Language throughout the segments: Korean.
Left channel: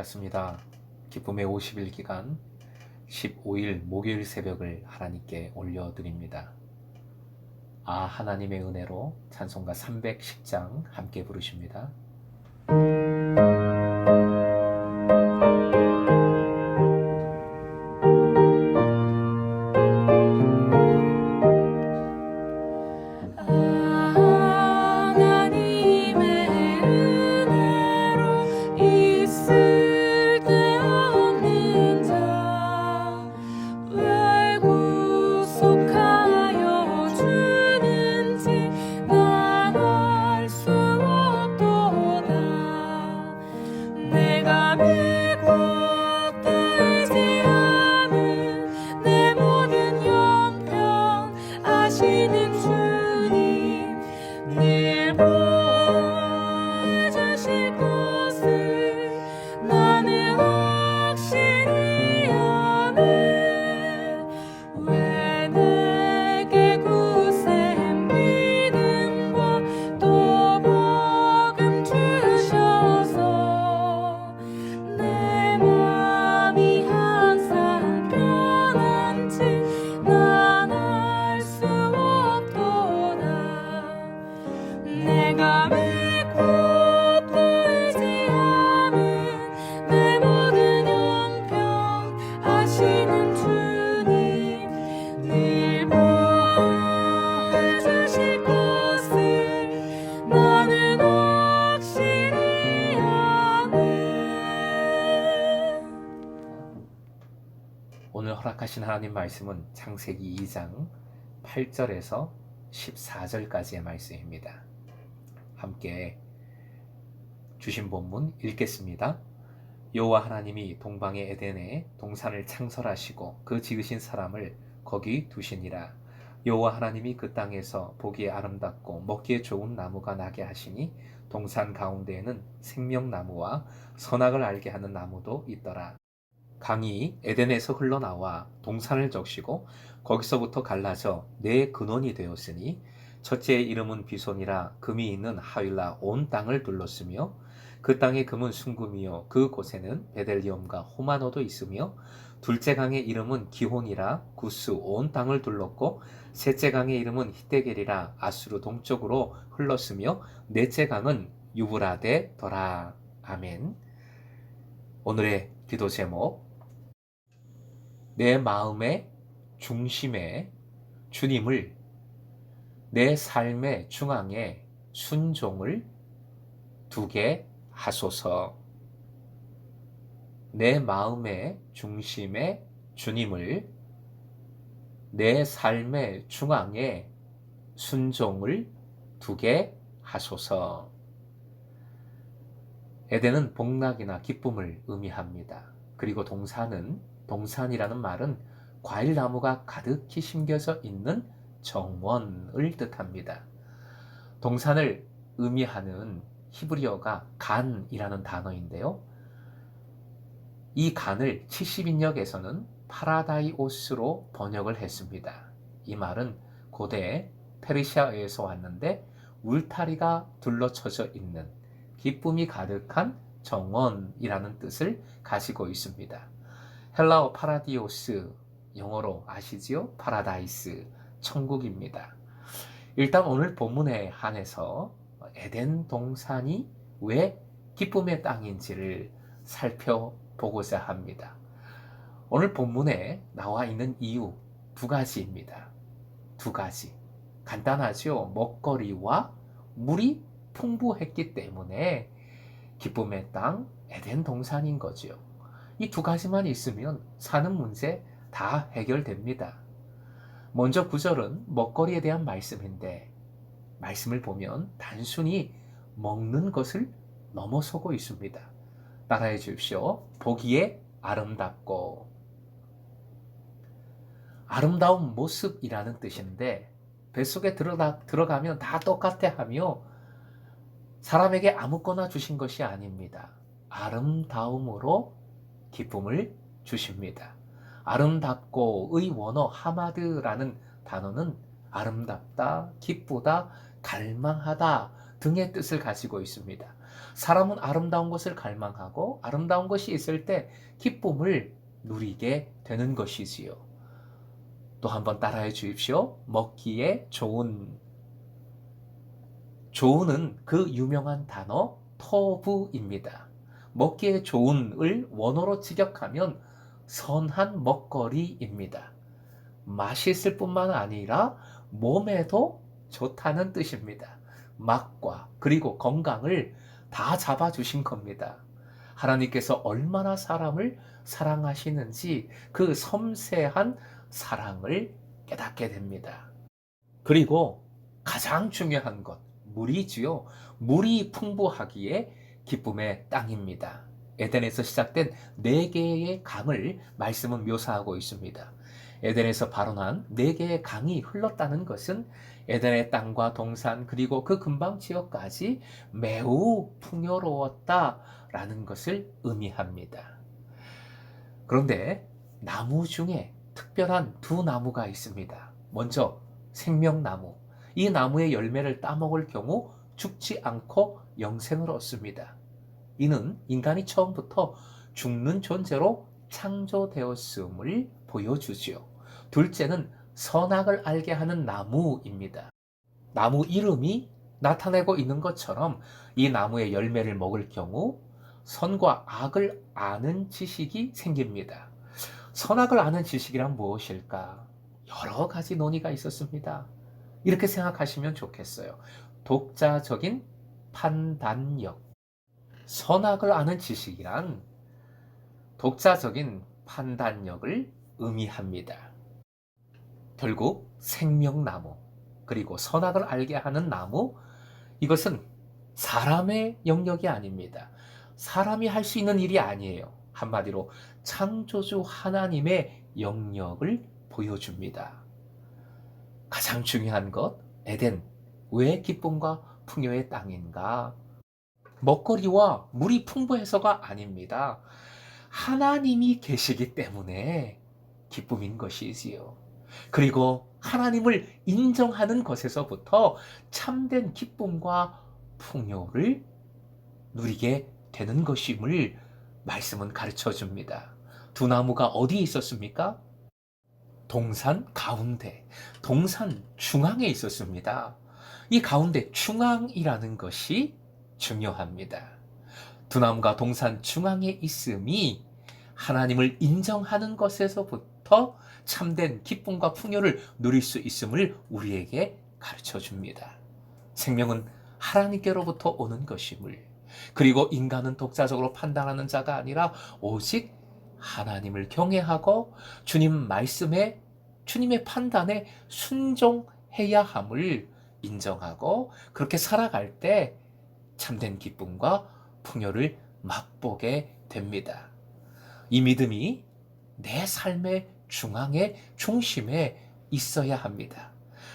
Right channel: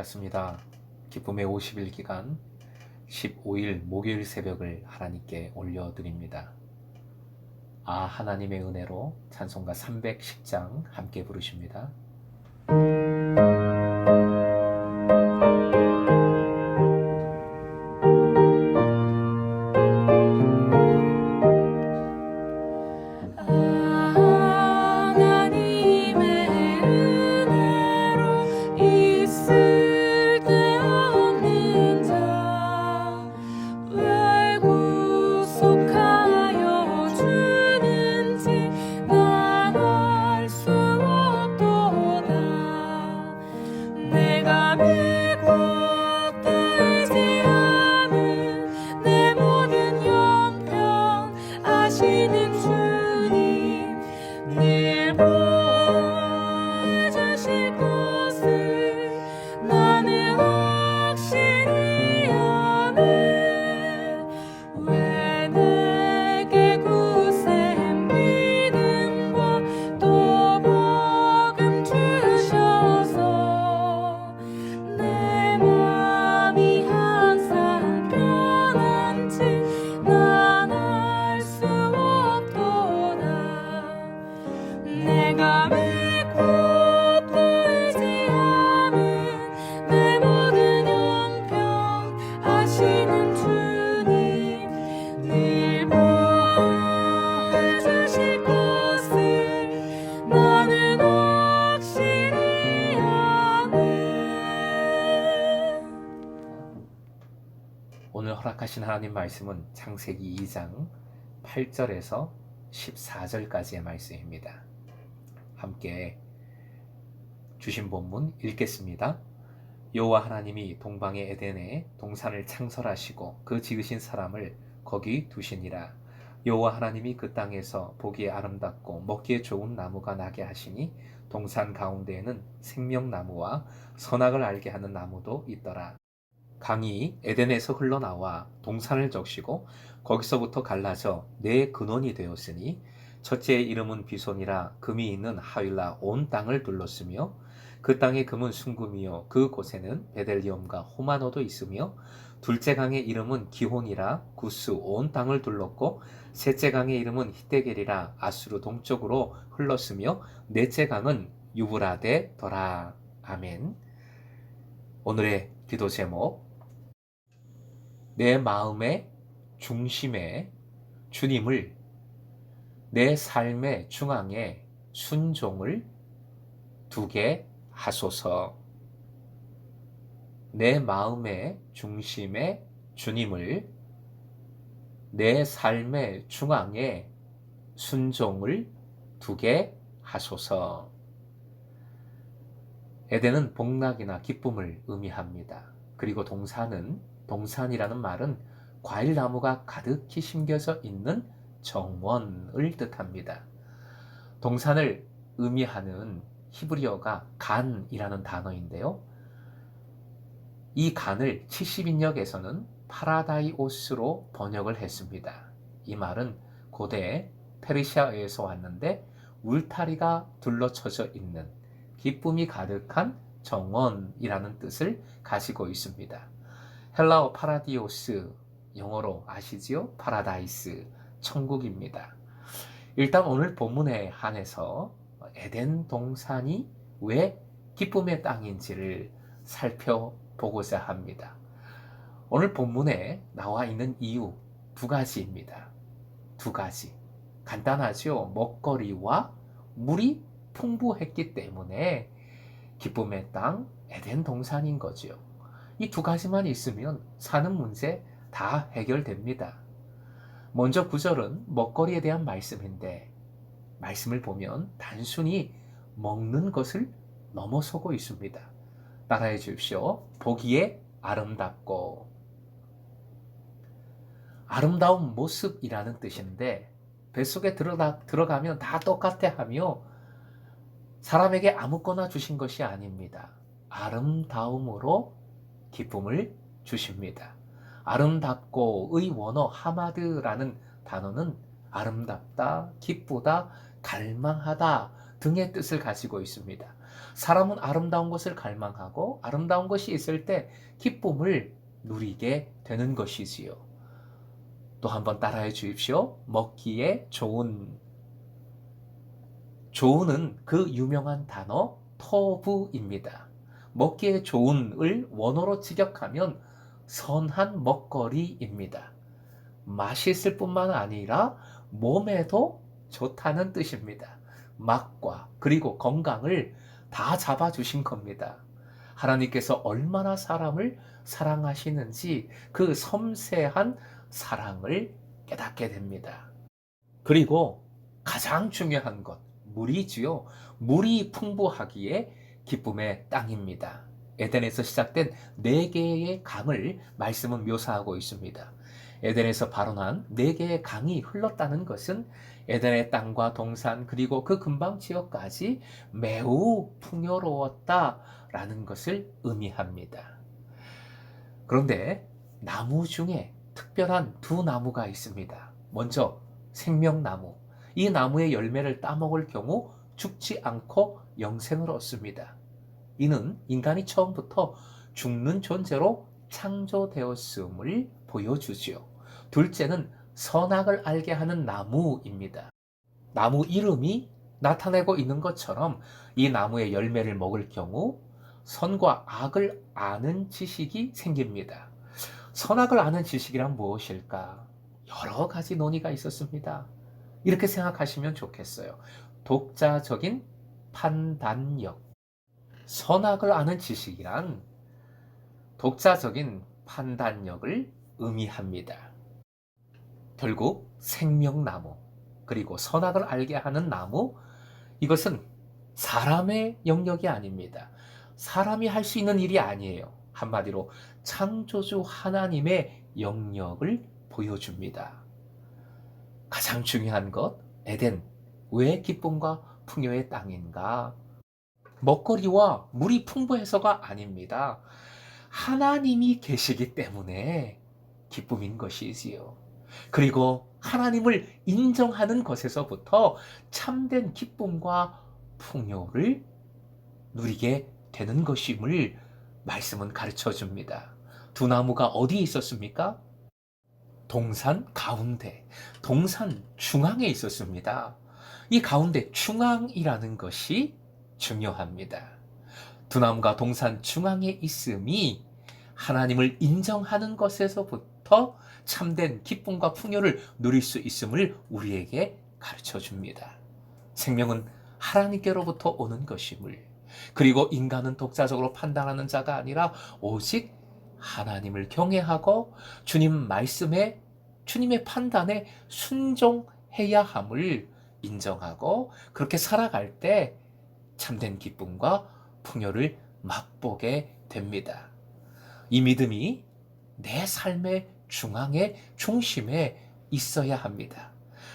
반갑습니다. 기쁨의 50일 기간 15일 목요일 새벽을 하나님께 올려드립니다. 하나님의 은혜로 찬송가 310장 함께 부르십니다. 오늘 허락하신 하나님 말씀은 창세기 2장 8절에서 14절까지의 말씀입니다. 함께 주신 본문 읽겠습니다. 여호와 하나님이 동방의 에덴에 동산을 창설하시고 그 지으신 사람을 거기 두시니라. 여호와 하나님이 그 땅에서 보기에 아름답고 먹기에 좋은 나무가 나게 하시니 동산 가운데에는 생명나무와 선악을 알게 하는 나무도 있더라. 강이 에덴에서 흘러나와 동산을 적시고 거기서부터 갈라져 네 근원이 되었으니 첫째의 이름은 비손이라 금이 있는 하윌라 온 땅을 둘렀으며 그 땅의 금은 순금이요 그 곳에는 베델리엄과 호마노도 있으며 둘째 강의 이름은 기혼이라 구스 온 땅을 둘렀고 셋째 강의 이름은 히데겔이라 아수르 동쪽으로 흘렀으며 넷째 강은 유브라데더라. 아멘. 오늘의 기도 제목, 내 마음의 중심에 주님을, 내 삶의 중앙에 순종을 두게 하소서. 내 마음의 중심에 주님을, 내 삶의 중앙에 순종을 두게 하소서. 에덴은 복락이나 기쁨을 의미합니다. 그리고 동산이라는 말은 과일나무가 가득히 심겨져 있는 정원을 뜻합니다. 동산을 의미하는 히브리어가 간이라는 단어인데요. 이 간을 70인역에서는 파라다이오스로 번역을 했습니다. 이 말은 고대 페르시아에서 왔는데 울타리가 둘러쳐져 있는 기쁨이 가득한 정원이라는 뜻을 가지고 있습니다. 헬라어 파라디오스, 영어로 아시지요? 파라다이스, 천국입니다. 일단 오늘 본문에 한해서 에덴 동산이 왜 기쁨의 땅인지를 살펴보고자 합니다. 오늘 본문에 나와 있는 이유 두 가지입니다. 두 가지. 간단하죠? 먹거리와 물이 풍부했기 때문에 기쁨의 땅 에덴 동산인 거죠. 이 두 가지만 있으면 사는 문제 다 해결됩니다. 먼저 9절은 먹거리에 대한 말씀인데, 말씀을 보면 단순히 먹는 것을 넘어서고 있습니다. 따라해 주십시오. 보기에 아름답고, 아름다운 모습이라는 뜻인데 뱃속에 들어가면 다 똑같아 하며 사람에게 아무거나 주신 것이 아닙니다. 아름다움으로 기쁨을 주십니다. 아름답고의 원어 하마드라는 단어는 아름답다, 기쁘다, 갈망하다 등의 뜻을 가지고 있습니다. 사람은 아름다운 것을 갈망하고 아름다운 것이 있을 때 기쁨을 누리게 되는 것이지요. 또 한번 따라해 주십시오. 먹기에 좋은. 좋은은 그 유명한 단어 터부입니다. 먹기에 좋은을 원어로 직역하면 선한 먹거리입니다. 맛있을 뿐만 아니라 몸에도 좋다는 뜻입니다. 맛과 그리고 건강을 다 잡아주신 겁니다. 하나님께서 얼마나 사람을 사랑하시는지 그 섬세한 사랑을 깨닫게 됩니다. 그리고 가장 중요한 것, 물이지요. 물이 풍부하기에 기쁨의 땅입니다. 에덴에서 시작된 네 개의 강을 말씀은 묘사하고 있습니다. 에덴에서 발원한 네 개의 강이 흘렀다는 것은 에덴의 땅과 동산 그리고 그 근방 지역까지 매우 풍요로웠다라는 것을 의미합니다. 그런데 나무 중에 특별한 두 나무가 있습니다. 먼저 생명나무. 이 나무의 열매를 따먹을 경우 죽지 않고 영생을 얻습니다. 이는 인간이 처음부터 죽는 존재로 창조되었음을 보여주지요. 둘째는 선악을 알게 하는 나무입니다. 나무 이름이 나타내고 있는 것처럼 이 나무의 열매를 먹을 경우 선과 악을 아는 지식이 생깁니다. 선악을 아는 지식이란 무엇일까? 여러 가지 논의가 있었습니다. 이렇게 생각하시면 좋겠어요. 독자적인 판단력. 선악을 아는 지식이란 독자적인 판단력을 의미합니다. 결국 생명나무, 그리고 선악을 알게 하는 나무, 이것은 사람의 영역이 아닙니다. 사람이 할 수 있는 일이 아니에요. 한마디로 창조주 하나님의 영역을 보여줍니다. 가장 중요한 것, 에덴, 왜 기쁨과 풍요의 땅인가? 먹거리와 물이 풍부해서가 아닙니다. 하나님이 계시기 때문에 기쁨인 것이지요. 그리고 하나님을 인정하는 것에서부터 참된 기쁨과 풍요를 누리게 되는 것임을 말씀은 가르쳐 줍니다. 두 나무가 어디에 있었습니까? 동산 가운데, 동산 중앙에 있었습니다. 이 가운데 중앙이라는 것이 중요합니다. 두 나무가 동산 중앙에 있음이 하나님을 인정하는 것에서부터 참된 기쁨과 풍요를 누릴 수 있음을 우리에게 가르쳐 줍니다. 생명은 하나님께로부터 오는 것임을, 그리고 인간은 독자적으로 판단하는 자가 아니라 오직 하나님을 경외하고 주님 말씀에, 주님의 판단에 순종해야 함을 인정하고 그렇게 살아갈 때 참된 기쁨과 풍요를 맛보게 됩니다. 이 믿음이 내 삶의 중앙에, 중심에 있어야 합니다.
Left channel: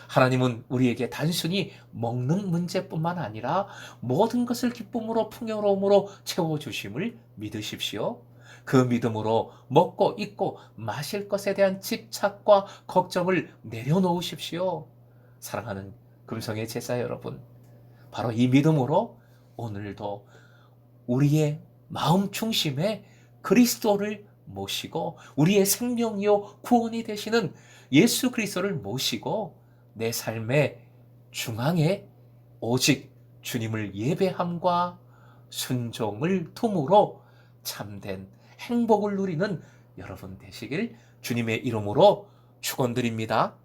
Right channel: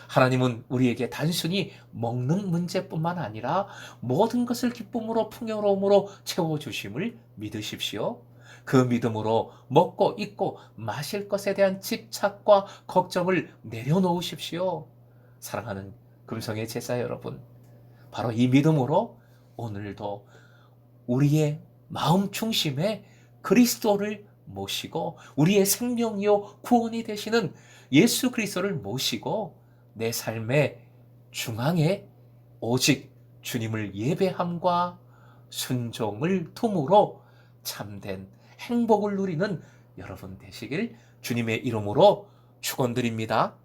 하나님은 우리에게 단순히 먹는 문제뿐만 아니라 모든 것을 기쁨으로 풍요로움으로 채워주심을 믿으십시오. 그 믿음으로 먹고 입고 마실 것에 대한 집착과 걱정을 내려놓으십시오. 사랑하는 금성의 제자 여러분, 바로 이 믿음으로 오늘도 우리의 마음 중심에 그리스도를 모시고 우리의 생명이요 구원이 되시는 예수 그리스도를 모시고 내 삶의 중앙에 오직 주님을 예배함과 순종을 tum으로 참된 행복을 누리는 여러분 되시길 주님의 이름으로 축원드립니다.